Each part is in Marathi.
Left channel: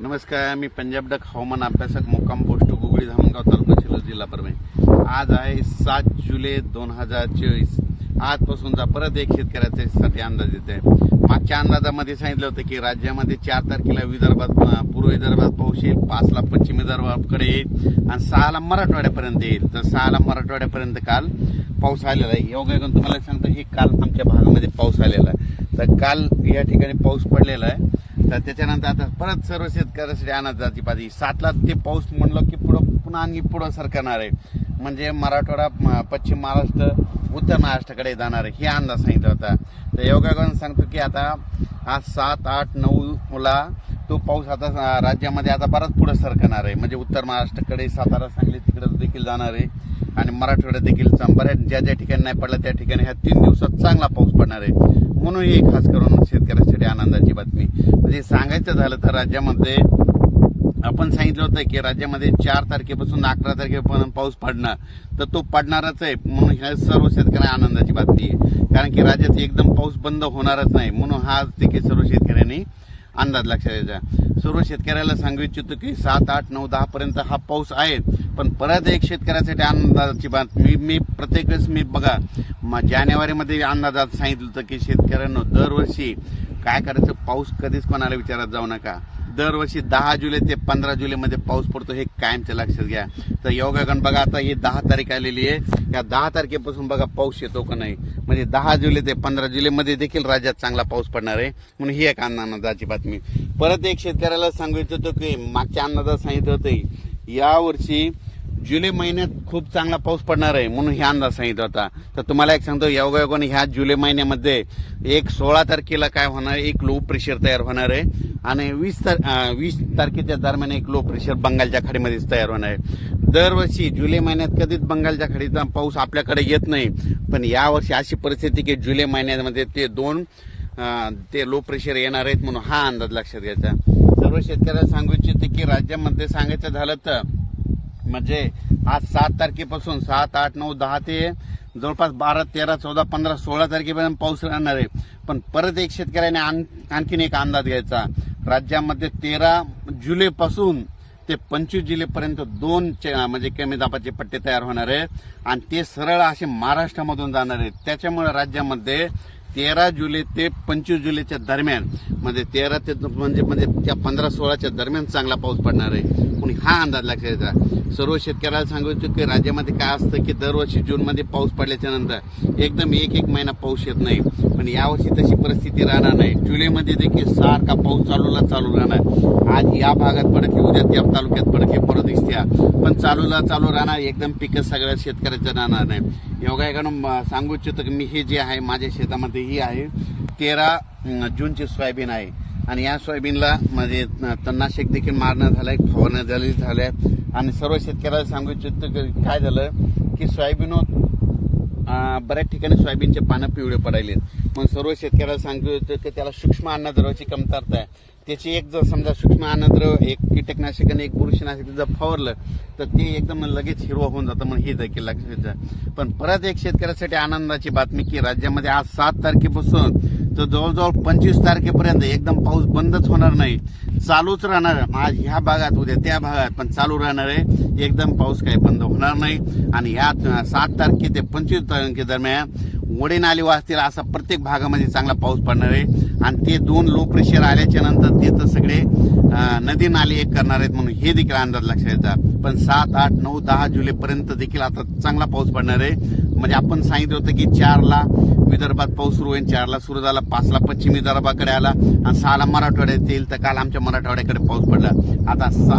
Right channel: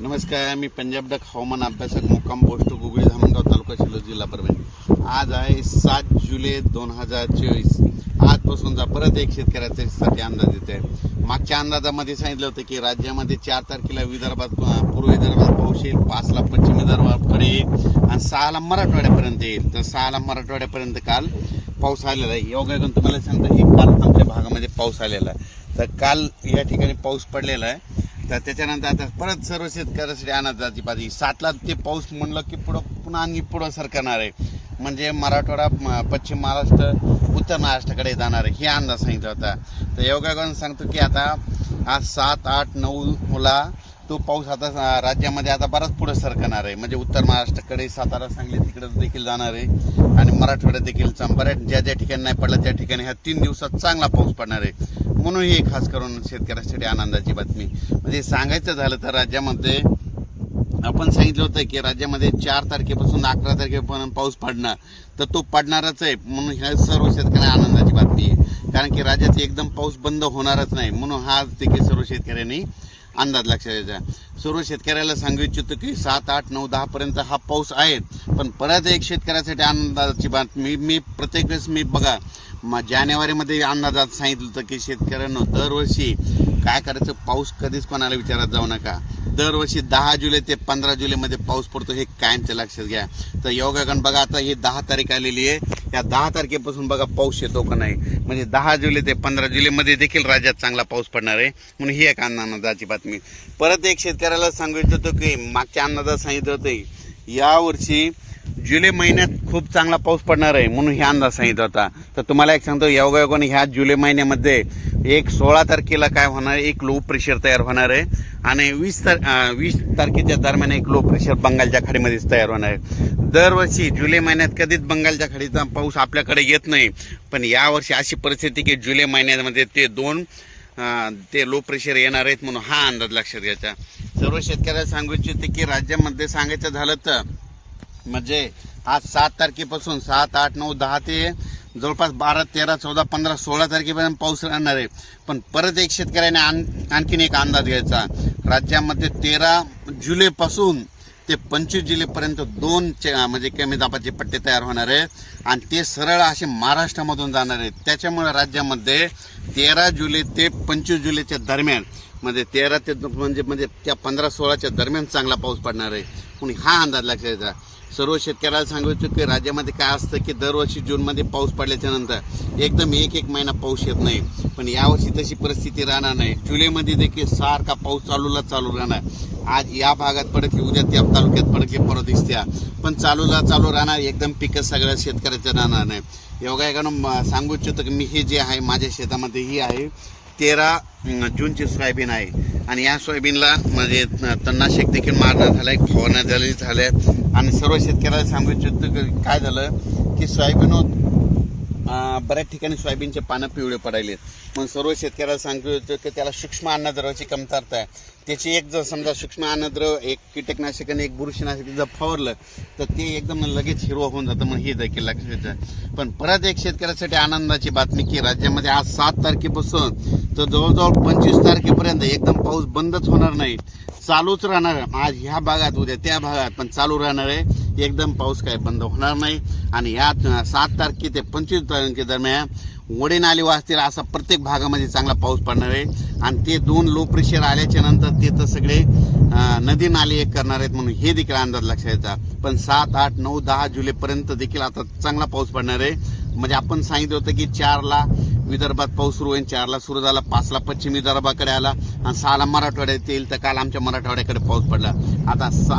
नमस्कार मी पंजाब डक हवामान अभ्यासक मुक्काम पोस्ट गुगळी धामणगाव तालुका शिलो जिल्हा परभणी आज आहे सात जुलै दोन हजार चोवीस जा परत एक शेतकऱ्याच्यासाठी अंदाज येत आहे मागच्या अंदाजामध्ये सांगितलं होतं की राज्यामध्ये चार तारखेला विदर्भात पूर्व विदर्भात पाऊस येईल पाचला पश्चिम विदर्भाकडे येईल आणि सहाला मराठवाड्यापर्यंत येईल तर सहाला मराठवाड्यापर्यंत काल पाऊस आलेला आहे करून तुम्हाला सांगतो की काल आमच्या भागामध्ये पाऊस आलेला आहे तर काल या ठिकाणी पाऊस पडलेला आहे तर त्याच्यानंतर आता परत सर्व शेतकऱ्यासाठी अनाजाची पाहिजे सातला ते पाऊस म्हणलं की पुढं पुन्हा आणि पुढं सरकणार आहे म्हणजे मराठवाडा पश्चिम महाराष्ट्र उत्तर महाराष्ट्राकडे जाणार आहे हे अंदाज सांगितलं होता तर करून सांगतो की आता आज सात आठ नऊला तो पाऊस आता राज्यामध्ये आता बराच पुढे सरकणार आहे म्हणजे उत्तर महाराष्ट्राकडे सातारा सांगली तिकडे देखील जाणार आहे आणि मराठवाड्यात देखील बऱ्याच ज्या ज्या ठिकाणी नाही पडला त्या ठिकाणी ह्या तीन दिवसात चांगला पाऊस पडणार आहे म्हणून ही खास करून शेतकऱ्यांसाठी आनंदाची बातमी म्हणजे सांगायचं झालं तर राज्यामध्ये आपण सांगितलं होतं की राज्यामध्ये चार तारखेपासून अकरा तारखेपर्यंत पाऊस पडणार तर तो पडणारच आहे म्हणून ह्या सर्व शेतकऱ्यांना आनंदाची बातमी आहे कारण की राज्यात एकदम पाऊस बंद होणारच नाही म्हणून हा देखील सर्व शेतकऱ्यांनी अंदाज लक्षात यायचा सर्व शेतकऱ्याला सांगू इच्छितो की सात आठ नऊ दहापर्यंत हा पाऊस आहे पण परत एक शेतकऱ्यासाठी अंदाजाची बात मी प्रत्येक वेळेस मी बघा म जानेवारीमध्ये अंदाजात सांगितलं होतं की शेतकऱ्यांना दरवर्षी काय करायचं पाऊस कधीच कोणाला विचारत जाऊ नका दरवर्षी दहा जुलै ते पंधरा जुलैमध्ये पाऊस पडतो हे कायमच्या लक्षात घ्या तर योगाकन बघा आता ही दहा तारीख आलेली आहे या दहा तारखेपासून बघा पाऊस येतो का नाही म्हणजे दहा जुलै ते पंधरा जुलैमध्ये देखील राज्यात चांगला पाऊस पडणार आहे म्हणून ही एक अन्नादाची बातमी परत एक शेतकऱ्याला सांगू इच्छितो की मागच्या अन्नदा सांगितलं होतं यावर्षी जुलै महिन्यात खूप चांगला पाऊस पडणार आहे म्हणून हे अंदाज सांगितला होता तर तुम्हाला एक सांगतो योगायोगाने ह्या जुलै महिन्यामध्ये एक सोळा तारखेला काय होणार एक लो प्रेशर तयार होणार आहे आणि वीस तार वीस तारखेच्या दरम्यान एक लो प्रेशर बंगालच्या खाडीमध्येच तयार होणार आहे दरवर्षी जुलै महिन्यात कधीच बंगालच्या खाडीचा पाऊस आपल्याकडे येत नाही पण यावर्षी अशी परिस्थिती की जुलै महिन्यामध्ये ते दोन ते लो प्रेशर येणार आहेत म्हणून हा अंदाज लक्षात घ्यायचा सर्व शेतकऱ्याला सांगू इच्छिते की राज्यामध्ये सांगायचं झालं तर म्हणजे आज सात तारखेपासून सात आठ नऊ दहा ते जवळपास बारा तेरा चौदा पंधरा सोळा तारखेपर्यंत पाऊस राहणार आहे पण परत एक शेतकऱ्याने आण आणखीन एक अंदाज घ्यायचा राज्यामध्ये तेरा जुलैपासून ते पंचवीस जुलैपर्यंत दोन म्हणजे कमी दाबाचे पट्टे तयार होणार आहे आणि ते सरळ असे महाराष्ट्रामधून जाणार आहेत त्याच्यामुळे राज्यामध्ये तेरा जुलै ते पंचवीस जुलैच्या दरम्यान म्हणजे तेरा ते म्हणजे म्हणजे त्या पंधरा सोळाच्या दरम्यान चांगला पाऊस पडणार आहे पण हा अंदाज लक्षात येतात सर्व शेतकऱ्याला सांगू इच्छितो की राज्यामध्ये काय असतं की दरवर्षी जूनमध्ये पाऊस पडल्याच्या एकदम एक एक महिना पाऊस येत नाही पण यावर्षी तशी परिस्थिती राहणार नाही जुलैमध्ये देखील सारखा पाऊस चालूला चालू राहणार आज या भागात पडत उद्या त्या तालुक्यात पडत परत दिसत्या पण चालूला चालू राहणार एकदम पिकं सगळ्या शेतकऱ्याच्या राहणार नाही एवढा एका सांगू इच्छितो की मी हे जे आहे माझ्या शेतामध्ये ही आहे तेरा जूनची सोयाबीन आहे आणि या सोयाबीनला म्हणजे तणनाशक देखील मारणं झालं आहे फवारण्या झाली झाल्या आणि सर्व शेतकऱ्याला सांगू इच्छितो काय झालं की सोयाबीन बऱ्याच ठिकाणी सोयाबीनचे पानं पिवळे पडायले मग सर्व शेतकऱ्याला सांगितलं होतं तर त्याला सूक्ष्म अन्नद्रवाची कमतरता आहे त्याची एक जर समजा सूक्ष्म अन्नद्रव एक कीटकनाशक आणि एक बुरशीनाशक जर फवरलं तर ते एकदम लगेच हिरवं होऊन जातं म्हणून हे देखील लक्षात पण परत एक शेतकऱ्यासाठी आनंदाची बातमी की राज्यामध्ये आज सात तारखेपासून तर जवळजवळ पंचवीस तारखेपर्यंत एकदम पाऊस बंदच होणार नाही चालूच राहणार आज ह्या भागात उद्या त्या भागात पण चालू राहणार आहे एकदम पाऊस काही बंद होणार नाही आणि या सात तारखे ते पंचवीस तारखे दरम्यान वडे नाले वाचतील असा प्रत्येक भागामध्ये चांगला पाऊस पडणार आहे आणि ते दोन लो प्रेशर आल्याच्या नंतर ते तर सगळे नदी नाले एक करणार आहेत म्हणून हे देखील अंदाज लक्षात येतात पण सात आठ नऊ दहा जुलैपर्यंत देखील आता चांगला पाऊस पडणार आहे म्हणजे आपण सांगितलं होतं की चारला विदर्भात पाऊस सुरू होईल चारला सुरू झाला पाचला पश्चिम विदर्भाकडे आला आणि सहाला मराठवाड्यात येईल तर काल आमच्या मराठवाड्याकडे पाऊस पडला आता सा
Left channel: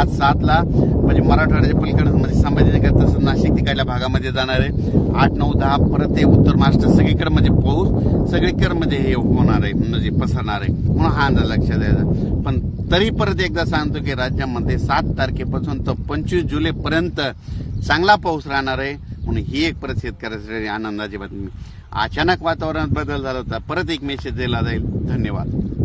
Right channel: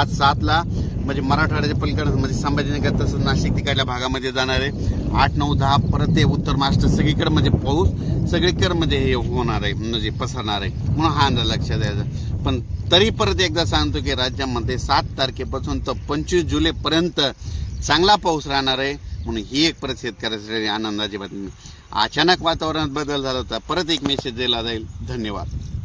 आज सातला म्हणजे मराठवाड्याच्या पलीकडे म्हणजे संभाजीनगर तसंच नाशिक तिकडल्या भागामध्ये जाणार आहे आठ नऊ दहा परत ते उत्तर महाराष्ट्र सगळीकडे म्हणजे पाऊस सगळीकडे म्हणजे हे होणार आहे म्हणजे पसरणार आहे म्हणून हा अंदाज लक्षात द्यायचा पण तरी परत एकदा सांगतो की राज्यामध्ये सात तारखेपासून तर पंचवीस जुलैपर्यंत चांगला पाऊस राहणार आहे म्हणून ही एक परत शेतकऱ्यासाठी आनंदाची बातमी अचानक वातावरणात बदल झाला होता परत एक मेसेज दिला जाईल धन्यवाद